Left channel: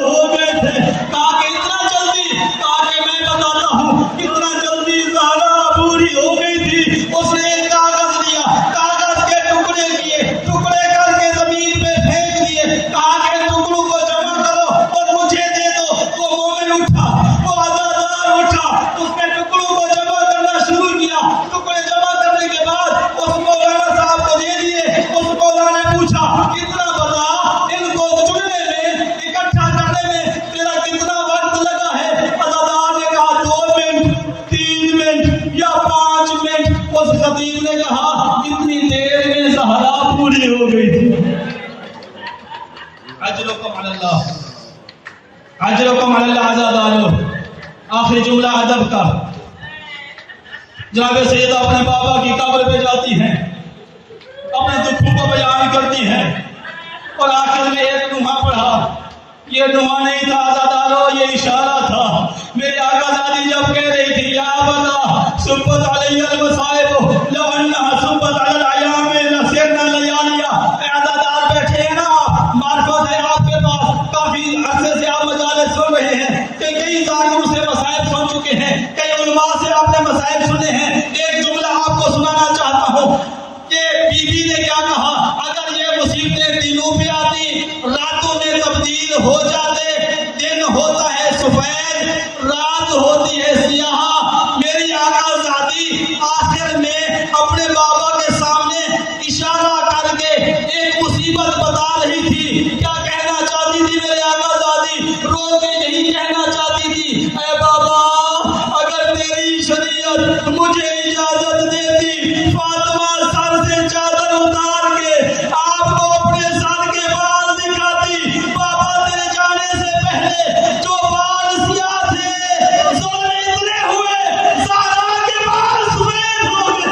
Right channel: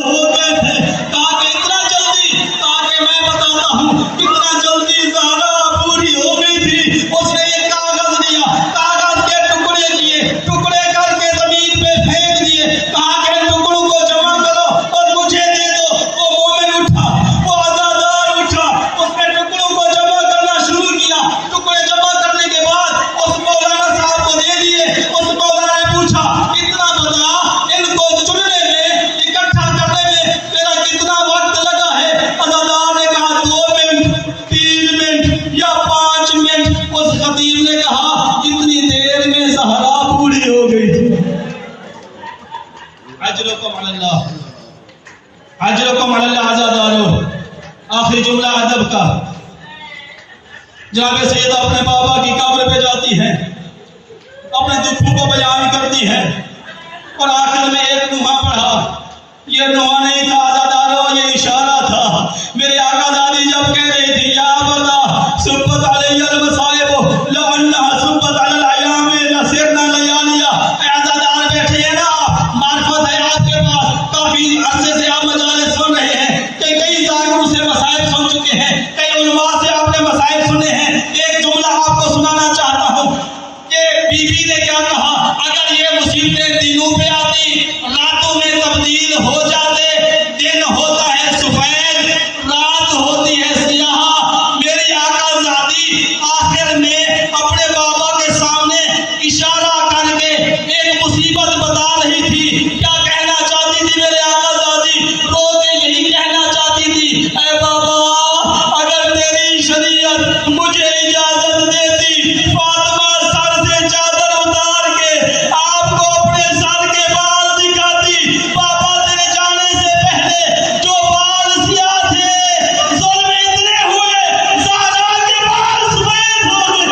हो गए थे। कहा कि इतना जल्दी, कहा कि मैं बताता हूँ कितना जल्दी ज़हरा पूरी हो गई थी। उसने एक कागज लिया, कागज के टुकड़े किए, टुकड़े करके जमीन पे फेंक दिए। कहा कि टुकड़ों को जमा करो और मुझे दे दो। वो मोमिन उठा, वो अज़ादार उठा, उसने टुकड़ों को जमा करना शुरू किया। टुकड़े जमा करने के बाद उस मौलाना साहब को दे दिए। उस मौलाना ने पूछा, इतना बता, इनको चुनने में, इकट्ठा करने में तेरा कितना वक्त लगा है? अज़ादार ने कहा 2 मिनट, 3 मिनट या 5 मिनट। उस खतीब ने कहा इतनी देर में ज़हरा पूरी हो गई थी। अजरुकुम अल्लाह, अजरुकुम अल्लाह। अज़ादारो, आखिरी जुमला अदब का। जनाब सैयदा अपने बाबा की कब्र पे जाती हैं, अपने दुखों को बयान करती हैं और आखिर में एक नुमा पढ़ा। ये नुमा नहीं था अज़ादारो, ये इशारा था। मेरे आका दादी जब कह रही थी या बता सुब्बत अलैहिल मसाइब लौ अन्नहा सुब्बत अलल अयाम लसिरना लयालिया। अज़ादार बैठे हैं ना, मार्फत है आपके पास, काफी अरसे से आप मजालिस सुन रहे हैं, कई जाकिरों से मसाइब सुन चुके हैं, कई उलमा से आपने मसाइब सुने हैं। एक जुमला आपको सुनाना चाहता हूँ। ये बीबी ने क्या कहा, अगर ये मुसीबतें दिनों पे आती, रातों में तब्दील हो जाते। दिन होता है सफेद, रात होती है सियाह। मेरी आका ज़ादी आखिर में अपने बाबा के सामने इशारा करके एक मुसीबत बता रही थी। क्या कहना चाहती थी मेरे आका ज़ादी? रो के यही कहना चाहती थी, ऐ बाबा, अगर तेरी शरीयत मुझे इजाजत देती, फातिमा सर से चादर उतार के आपको अपने सर के बाल दिखाती। बाबा तेरे जाने से पहले जो बाल सियाह थे, ज़ुल्म इतने हुए, ज़हरा के बाल सफेद हो गए।